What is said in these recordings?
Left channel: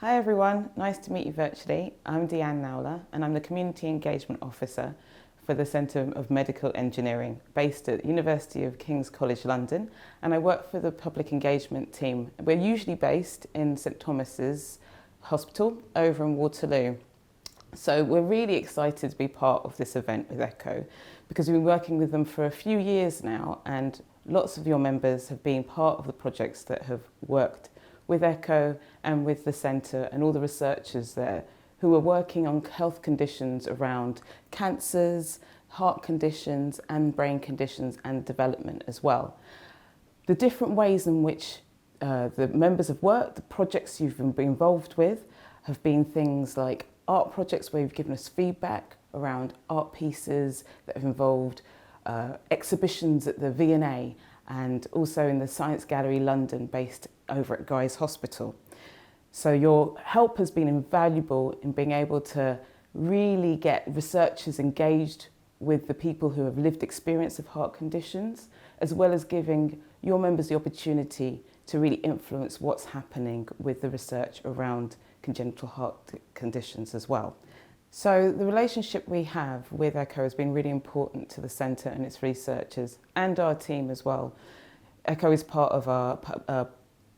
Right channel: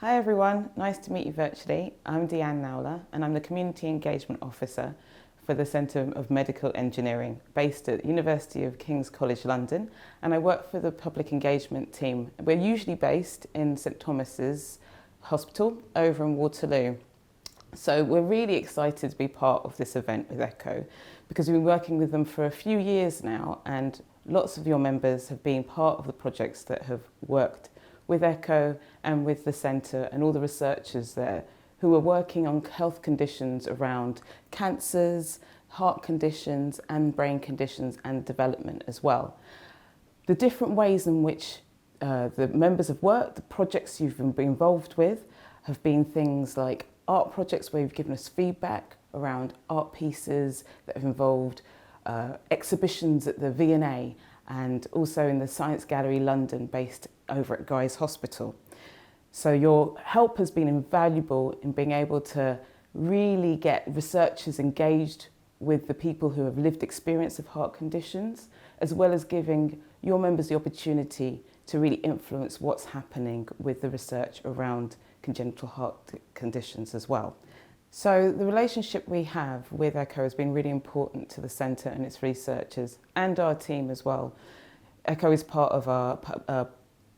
Hi everyone, nice to meet you virtually. I'm Deanne Naula and I'm the Community Engagement Officer for the Centre of Medical Engineering based at University of King's College London, and I work for the Public Engagement team. We're usually based in St Thomas's Hospital over in Waterloo. So we're really excited to be part of this event with ECHO because we've been working with them for a few years now, and lots of your members have been part of the projects that have worked with ECHO and with the centre and all the researchers there who are working on health conditions around cancers, heart conditions and brain conditions and development as well. The different ways in which the members have worked, the projects you've been involved with have been things like art projects where you've given us feedback around art pieces that have involved exhibitions at the V&A and also in the Science Gallery London based over at Guy's Hospital. So your help has been invaluable in being able to really get researchers engaged with the people who have lived experience of heart conditions, as well as giving your members the opportunity to really influence what's happening with the research around congenital heart conditions as well. So the relationship we have with ECHO has been really important to the centre and its researchers and our team as well. ECHO is part of our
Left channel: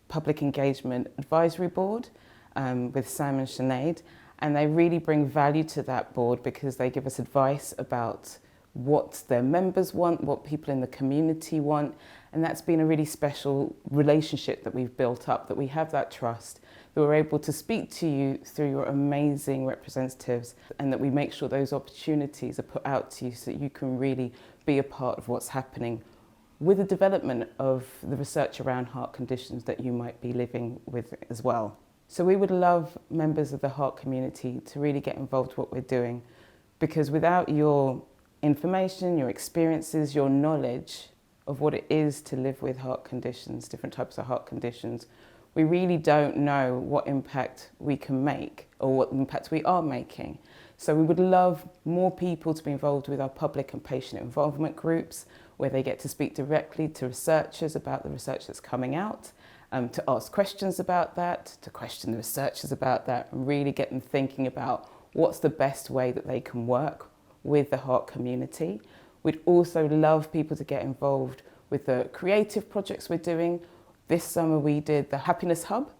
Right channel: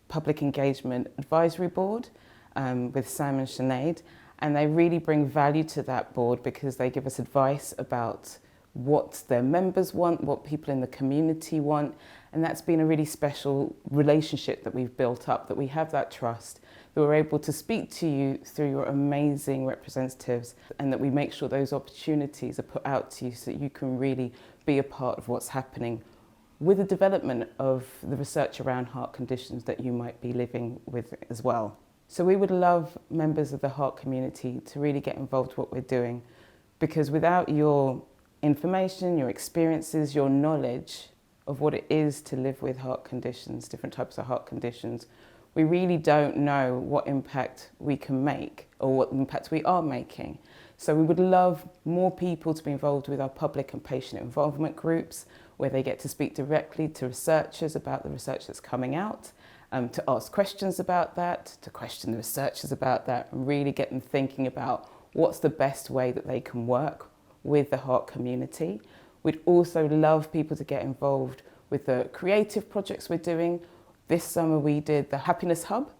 Public Engagement Advisory Board with Sam and Sinead, and they really bring value to that board because they give us advice about what their members want, what people in the community want, and that's been a really special relationship that we've built up, that we have that trust, that we're able to speak to you through your amazing representatives, and that we make sure those opportunities are put out to you so that you can really be a part of what's happening with the development of the research around heart conditions that you might be living with as well. So we would love members of the heart community to really get involved with what we're doing, because without your information, your experiences, your knowledge of what it is to live with heart conditions, different types of heart conditions, we really don't know what impact we can make or what impact we are making. So we would love more people to be involved with our public and patient involvement groups, where they get to speak directly to researchers about the research that's coming out, to ask questions about that, to question the researchers about that, and really get them thinking about what's the best way that they can work with the heart community. We'd also love people to get involved with the creative projects we're doing. This summer we did the Happiness Hub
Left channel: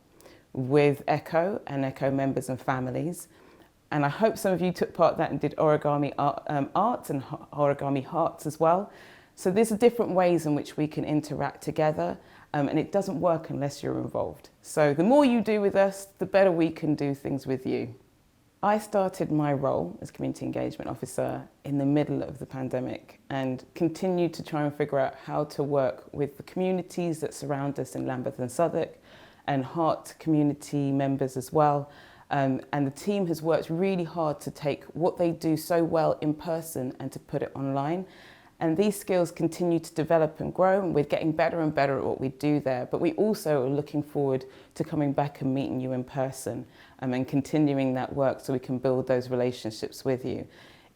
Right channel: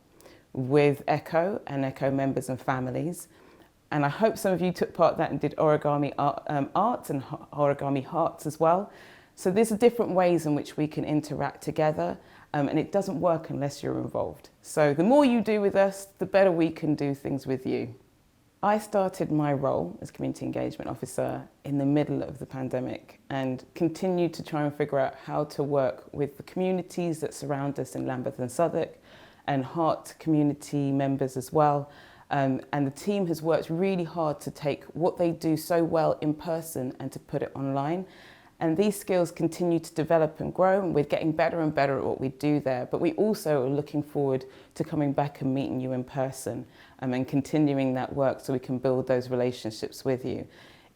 with ECHO and ECHO members and families. And I hope some of you took part in that and did origami art and origami hearts as well. So there's different ways in which we can interact together, and it doesn't work unless you're involved. So the more you do with us, the better we can do things with you. I started my role as Community Engagement Officer in the middle of the pandemic and continued to try and figure out how to work with the communities that surround us in Lambeth and Southwark and heart community members as well. And the team has worked really hard to take what they do so well in person and to put it online. And these skills continue to develop and grow, and we're getting better and better at what we do there. But we also are looking forward to coming back and meeting you in person and continuing that work so we can build those relationships with you.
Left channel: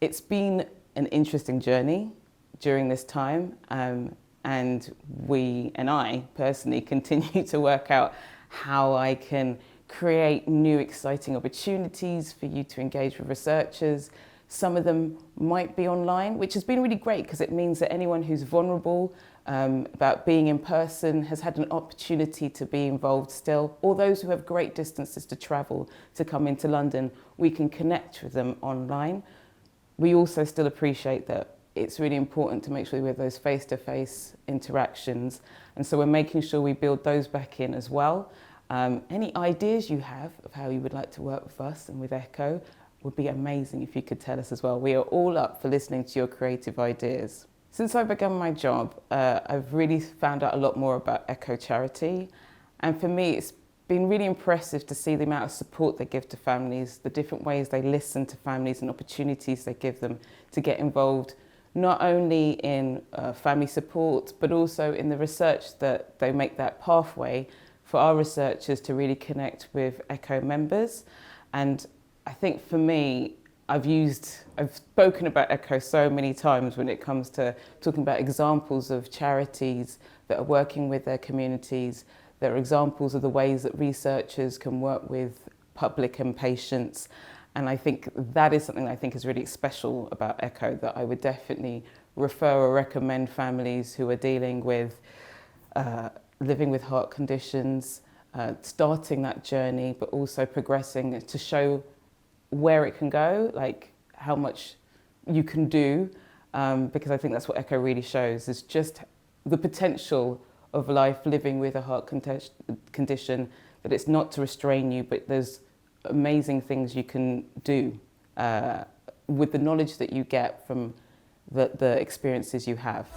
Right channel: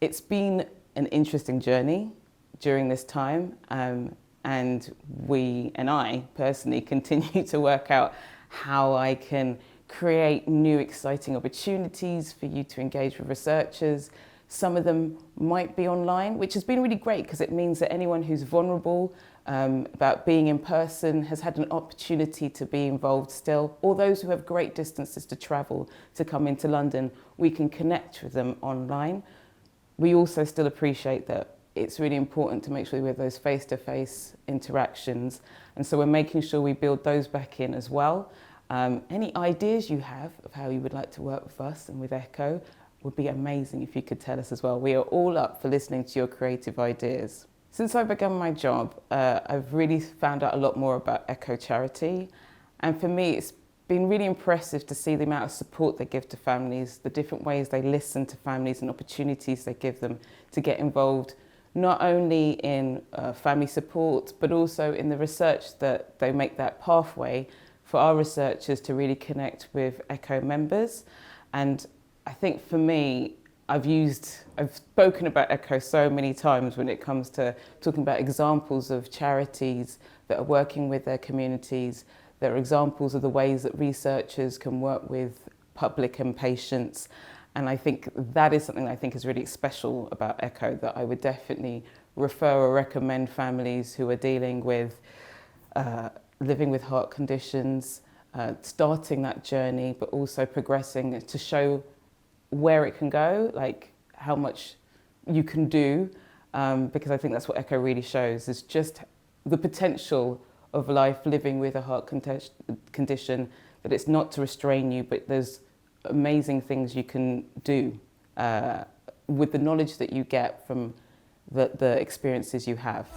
It's been an interesting journey during this time, and I personally continue to work out how I can create new exciting opportunities for you to engage with researchers. Some of them might be online, which has been really great because it means that anyone who's vulnerable about being in person has had an opportunity to be involved still. Or those who have great distances to travel to come into London, we can connect with them online. We also still appreciate that it's really important to make sure we have those face-to-face interactions. And so we're making sure we build those back in as well. Any ideas you have of how you would like to work with us and with ECHO would be amazing if you could tell us as well. We are all up for listening to your creative ideas. Since I began my job, I've really found out a lot more about ECHO Charity. And for me, it's been really impressive to see the amount of support they give to families, the different ways they listen to families and opportunities they give them to get involved, not only in family support, but also in the research that they make that pathway for our researchers to really connect with ECHO members. And I think for me, I've spoken about ECHO so many times when it comes to talking about examples of charities that are working with their communities. There are examples of the ways that researchers can work with public and patience. And I think that is something that I think is really special about Echo, that I would definitely refer or recommend families who are dealing with living with heart conditions, starting that journey, but also progressing to show where it can go, like how much you can do, because I think that's what Echo really shows, is just the potential of life living with a heart condition, that it's not to restrain you, but there's amazing things you can do with the knowledge that you get from the experiences you have.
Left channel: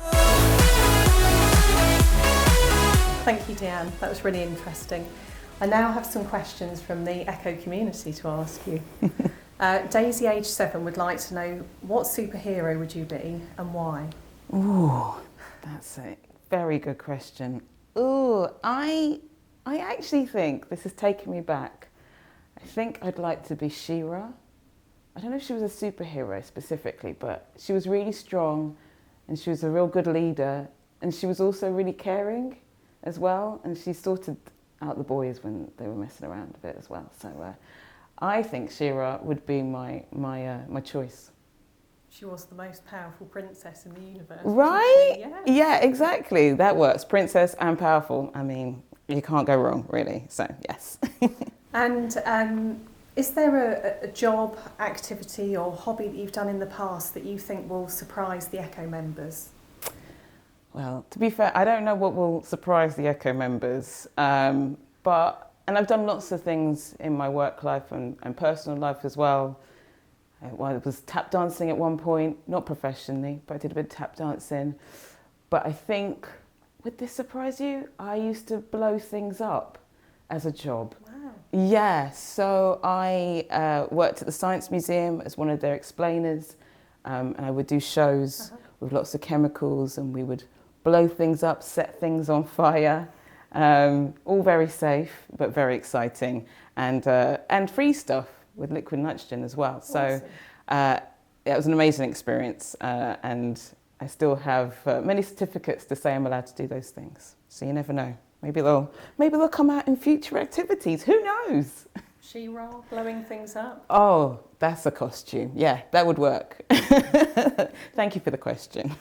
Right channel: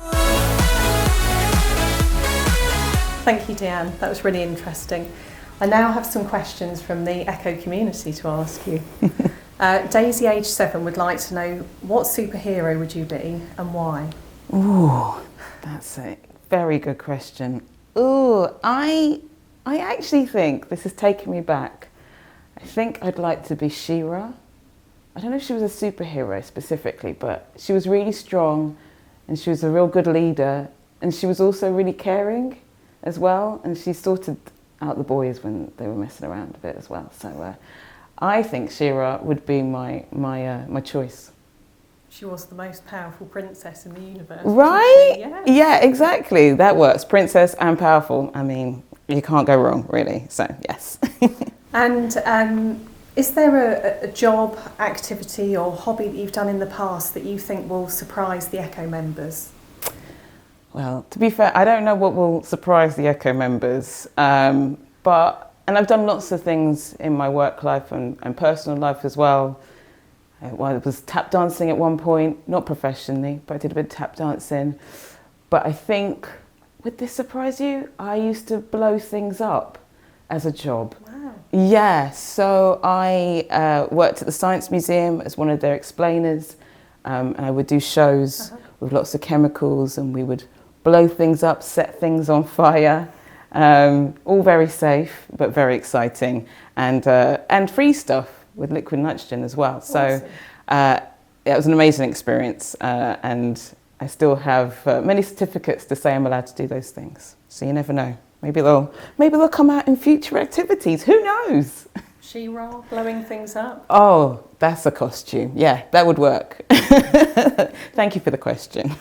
Thank you, Deanne. That was really interesting. I now have some questions from the Echo community to ask you. Daisy, age 7, would like to know, what superhero would you be and why? Ooh, that's a very good question. Ooh, I actually think, this is taking me back, I think I'd like to be She-Ra. I don't know if she was a superhero specifically, but she was really strong and she was a real good leader, and she was also really caring as well, and she sorted out the boys when they were messing around a bit as well. So I think She-Ra would be my choice. She was the most powerful princess in the universe. Right? Yes. Yeah, exactly. That works. Princess and powerful. I mean, you can't go wrong, really. So, yes. And is there a job, activity or hobby that you've done in the past that you think will surprise the Echo members? Well, to be fair, I don't know what will surprise the Echo members, and I've done lots of things in my work life and personal life as well. I was tap dancing at one point, not professionally, but I did a bit of tap dancing. But I think, would this surprise you? I used to blow things up as a job. Wow. Yeah, so I worked at the Science Museum as one of their explainers, and I would do shows with lots of chemicals, and we would blow things up, set things on fire, all very safe, but very exciting, and free stuff with liquid nitrogen as well. So it was an amazing experience, and I still have many certificates to say I'm allowed to do those things. So you never know. Maybe they'll come out in future activities. Who knows? She-Ra, blowing things up? Oh, that's a costume. Yeah, that would work. Thank you for the question.